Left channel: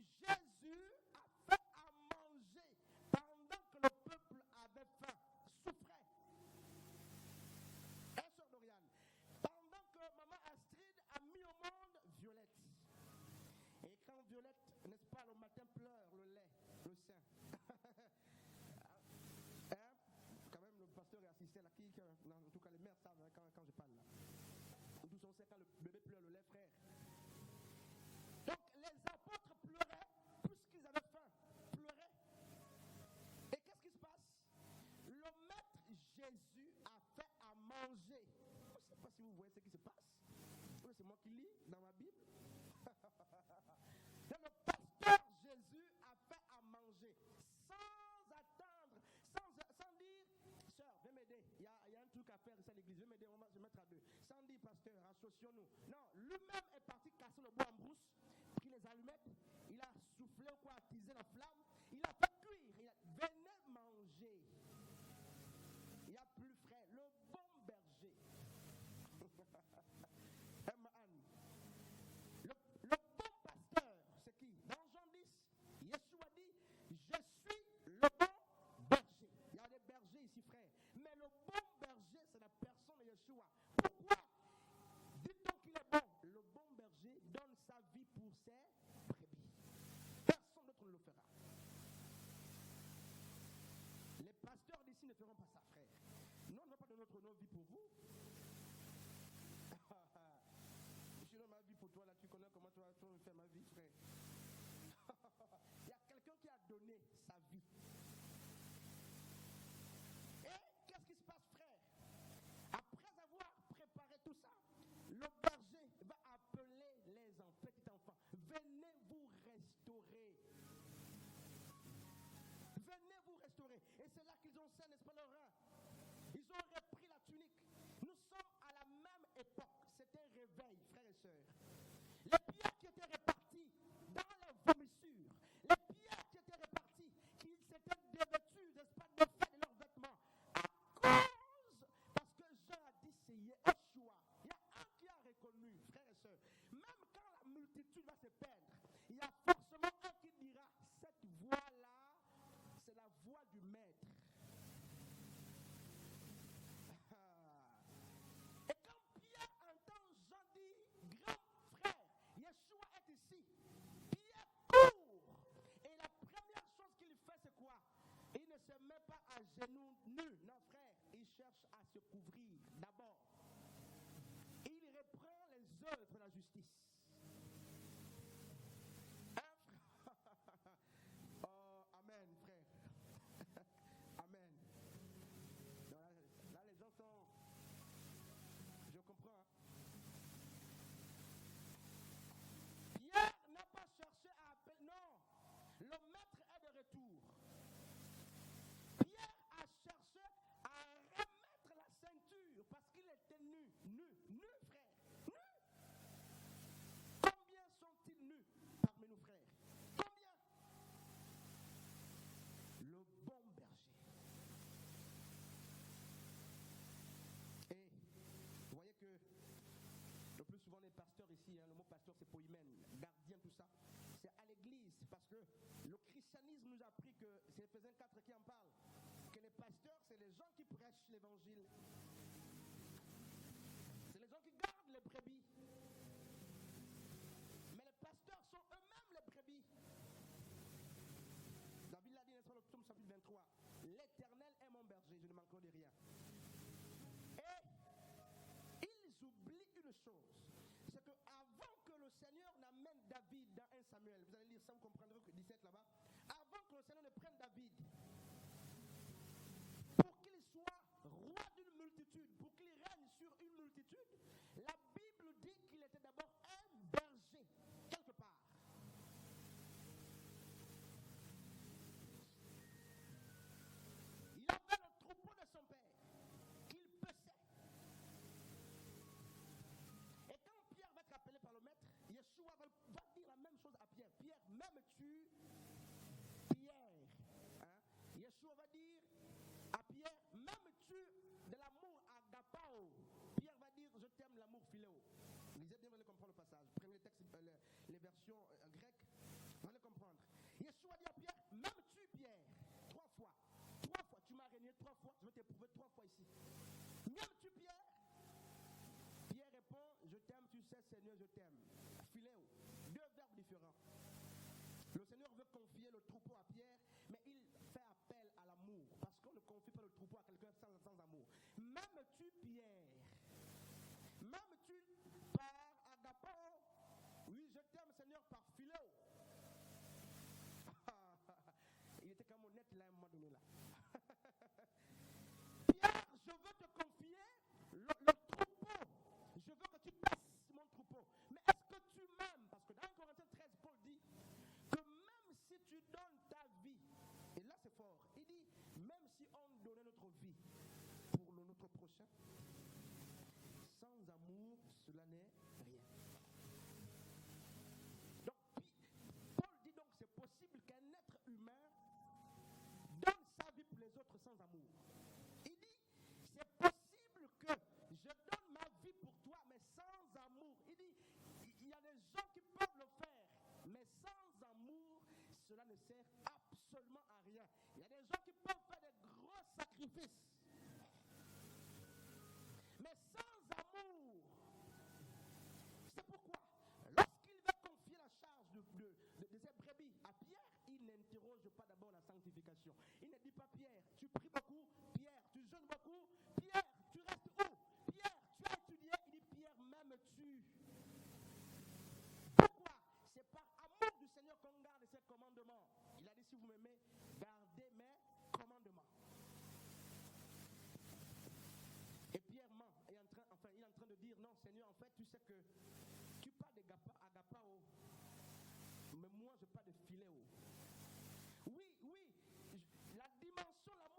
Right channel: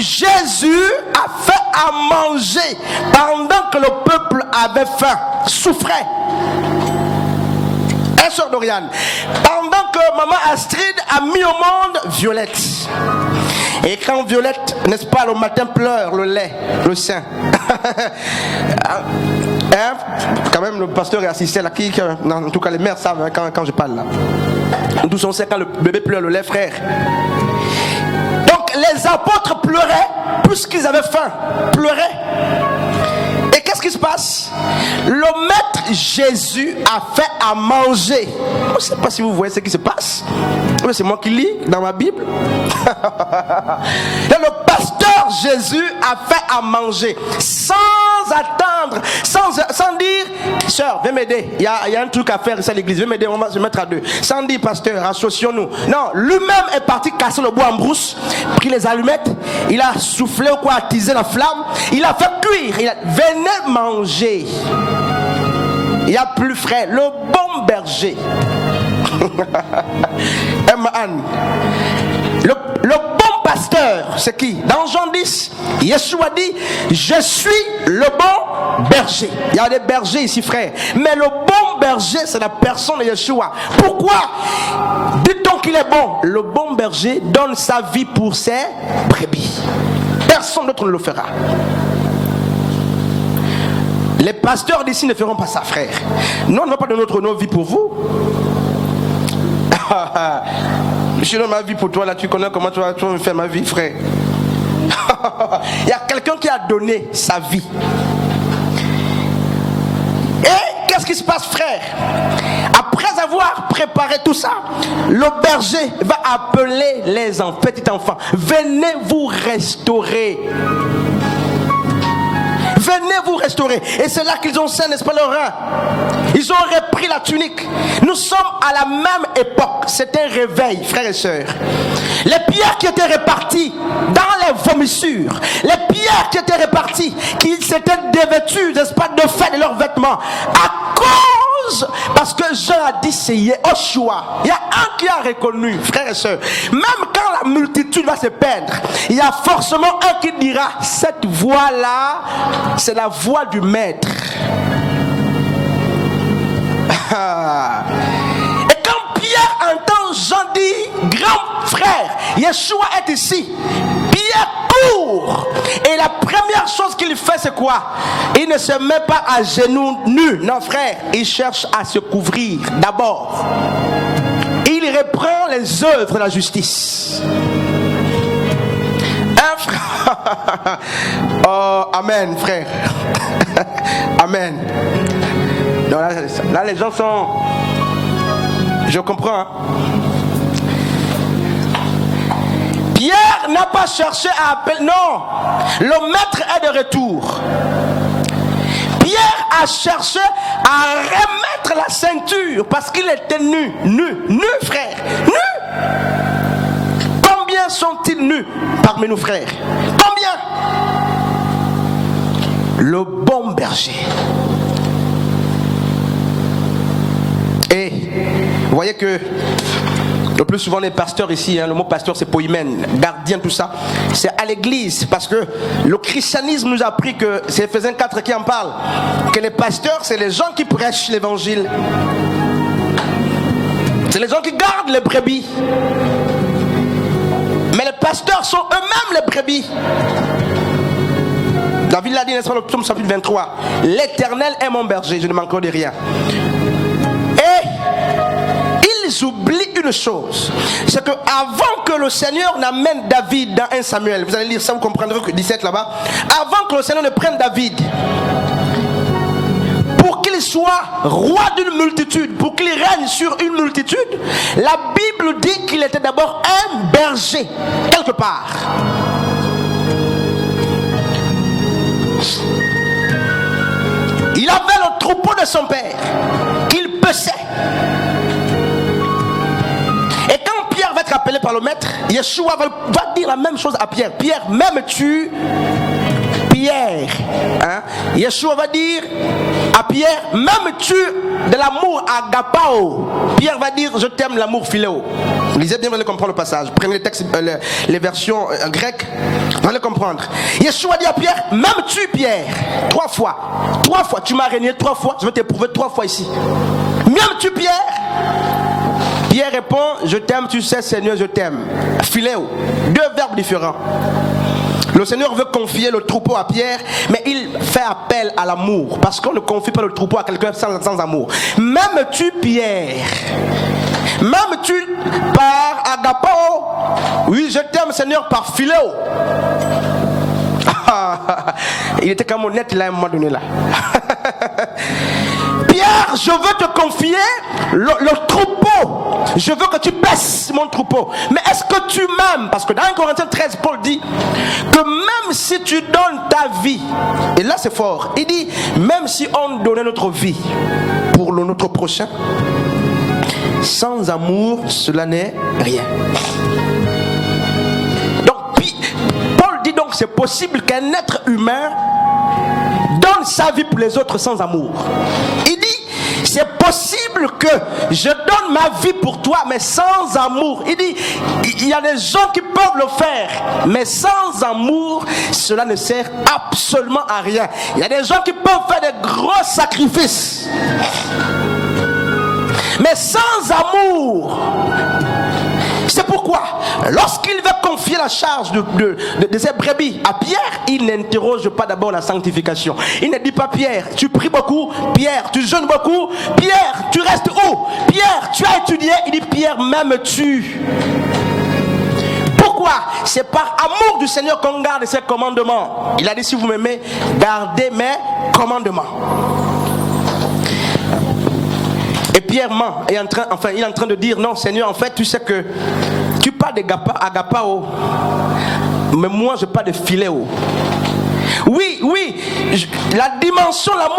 Jésus a fait à manger pendant que le peuple avait faim, souffrait. Sœur Doriane, pendant que maman Astrid a mis au monde Violette. Et quand Violette, n'est-ce pas, le matin pleure le lait, le sein. Quand même, le pasteur est assisté là, en tout cas les mères savent quand je parle là. Nous tous on sait quand le bébé pleure le lait, frère. Donc les apôtres pleuraient puisqu'ils avaient faim, pleuraient. Et qu'est-ce qui se passe? Le maître Jésus a fait à manger. Je ne sais pas si vous voyez ce qui se passe. Mais c'est moi qui lis dans ma Bible. Le pasteur Jésus a fait à manger sans attendre, sans dire, sœur, viens m'aider. Il y a un truc à faire ici à l'église. Viens m'aider, on va se mettre à deux. Sans dire, pasteur, associons-nous. Non, lui-même est parti casser le bois en brousse, pris les allumettes, il a soufflé ou quoi, attisé la flamme, il a fait cuire. Venez manger. Il y a plus frais, le bon berger. Le bon pasteur, c'est qui? Dans Jean 10, Yeshua dit, je suis le bon berger. Il y a des bergers ici, frère. Mais le bon berger, c'est la personne de Yeshua. Pourquoi? Dit-on qu'il est bon? Le bon berger donne sa vie pour ses brebis. Personne d'autre ne le fera. Les pasteurs d'ici ne feront pas ça, frère. Nous, on ne va pas donner nos vies pour vous. Je donne ma vie pour toi, là, tu connais comment tu vas me faire ma vie, frère. Il y a quelqu'un qui a donné sa vie. Et qu'est-ce qui se passe, frère? Après avoir préparé tout ça, le berger va appeler les petits enfants. Venez vous restaurer. Venez vous restaurer. Et c'est là qu'ils ont saint, n'est-ce pas, leur rein. Ils ont repris la tunique. Nous sommes à la même époque. C'est un réveil, frères et sœurs. Les pierres qui étaient réparties dans les vomissures, les pierres qui étaient réparties, qui s'étaient dévêtues, n'est-ce pas, de fait de leurs vêtements, à cause, parce que Jean a dit c'est Yeshua. Il y a un qui a reconnu, frères et sœurs. Même quand la multitude va se perdre, il y a forcément un qui dira cette voix-là, c'est la voix du maître. Et quand Pierre entend Jean dit, grand frère, Yeshua est ici, Pierre court. Et la première chose qu'il fait, c'est quoi? Il ne se met pas à genoux nus. Non, frère, il cherche à se couvrir d'abord. Il reprend les œuvres de la justice. Frère. Oh, amen, frère. Amen. Donc là, les gens sont... Je comprends. Hein? Pierre n'a pas cherché à appeler. Non. Le maître est de retour. Pierre a cherché à remettre la ceinture parce qu'il était nu. Nu, frère. Nu. Combien sont-ils nus parmi nous, frères? Combien? Le bon berger. Et vous voyez que le plus souvent les pasteurs ici, le mot pasteur c'est poïmen, gardien, tout ça, c'est à l'église, parce que le christianisme nous a appris que c'est Ephésiens 4 qui en parle, que les pasteurs c'est les gens qui prêchent l'évangile, c'est les gens qui gardent les brebis. Mais les pasteurs sont eux-mêmes les brebis. David l'a dit, n'est-ce pas, le psaume chapitre 23. L'Éternel est mon berger, je ne manquerai de rien. Et ils oublient une chose, c'est que avant que le Seigneur n'amène David dans 1 Samuel, vous allez lire ça, vous comprendrez que 17 là-bas, avant que le Seigneur ne prenne David, pour qu'il soit roi d'une multitude, pour qu'il règne sur une multitude, la Bible dit qu'il était d'abord un berger, quelque part. Il avait le troupeau de son père, qu'il paissait. Et quand Pierre va être appelé par le maître, Yeshua va dire la même chose à Pierre. Pierre, m'aimes-tu? Pierre, hein, Yeshua va dire à Pierre, m'aimes-tu de l'amour agapao? Pierre va dire, je t'aime l'amour philéo. Lisez bien, vous allez comprendre le passage. Prenez les textes, les versions grecques, vous allez comprendre. Yeshua dit à Pierre, m'aimes-tu Pierre? 3 fois. 3 fois, tu m'as régné 3 fois, je vais t'éprouver 3 fois ici. M'aimes-tu Pierre? Pierre répond, je t'aime, tu sais Seigneur, je t'aime. Philéo, 2 verbes différents. Le Seigneur veut confier le troupeau à Pierre, mais il fait appel à l'amour, parce qu'on ne confie pas le troupeau à quelqu'un sans amour. M'aimes-tu Pierre? M'aimes-tu par agapao? Oui, je t'aime Seigneur par philéo. Il était comme honnête là à un moment donné là. Pierre, je veux te confier le troupeau. Je veux que tu baisses mon troupeau. Mais est-ce que tu m'aimes? Parce que dans 1 Corinthiens 13, Paul dit que même si tu donnes ta vie, et là c'est fort, il dit même si on donnait notre vie pour notre prochain, sans amour, cela n'est rien. Donc, Paul dit donc c'est possible qu'un être humain donne sa vie pour les autres sans amour. Il dit c'est possible que je donne ma vie pour toi mais sans amour. Il dit il y a des gens qui peuvent le faire mais sans amour cela ne sert absolument à rien. Il y a des gens qui peuvent faire des gros sacrifices mais sans amour. C'est pourquoi, lorsqu'il veut confier la charge de ses brebis à Pierre, il n'interroge pas d'abord la sanctification. Il ne dit pas Pierre, tu pries beaucoup, Pierre, tu jeûnes beaucoup, Pierre, tu restes où? Pierre, tu as étudié. Il dit Pierre, m'aimes-tu? Pourquoi? C'est par amour du Seigneur qu'on garde ses commandements. Il a dit si vous m'aimez, gardez mes commandements. Et Pierre ment, il est en train de dire non Seigneur, en fait tu sais que tu parles d'agapao, mais moi je parle de philéo. Oui, la dimension, l'amour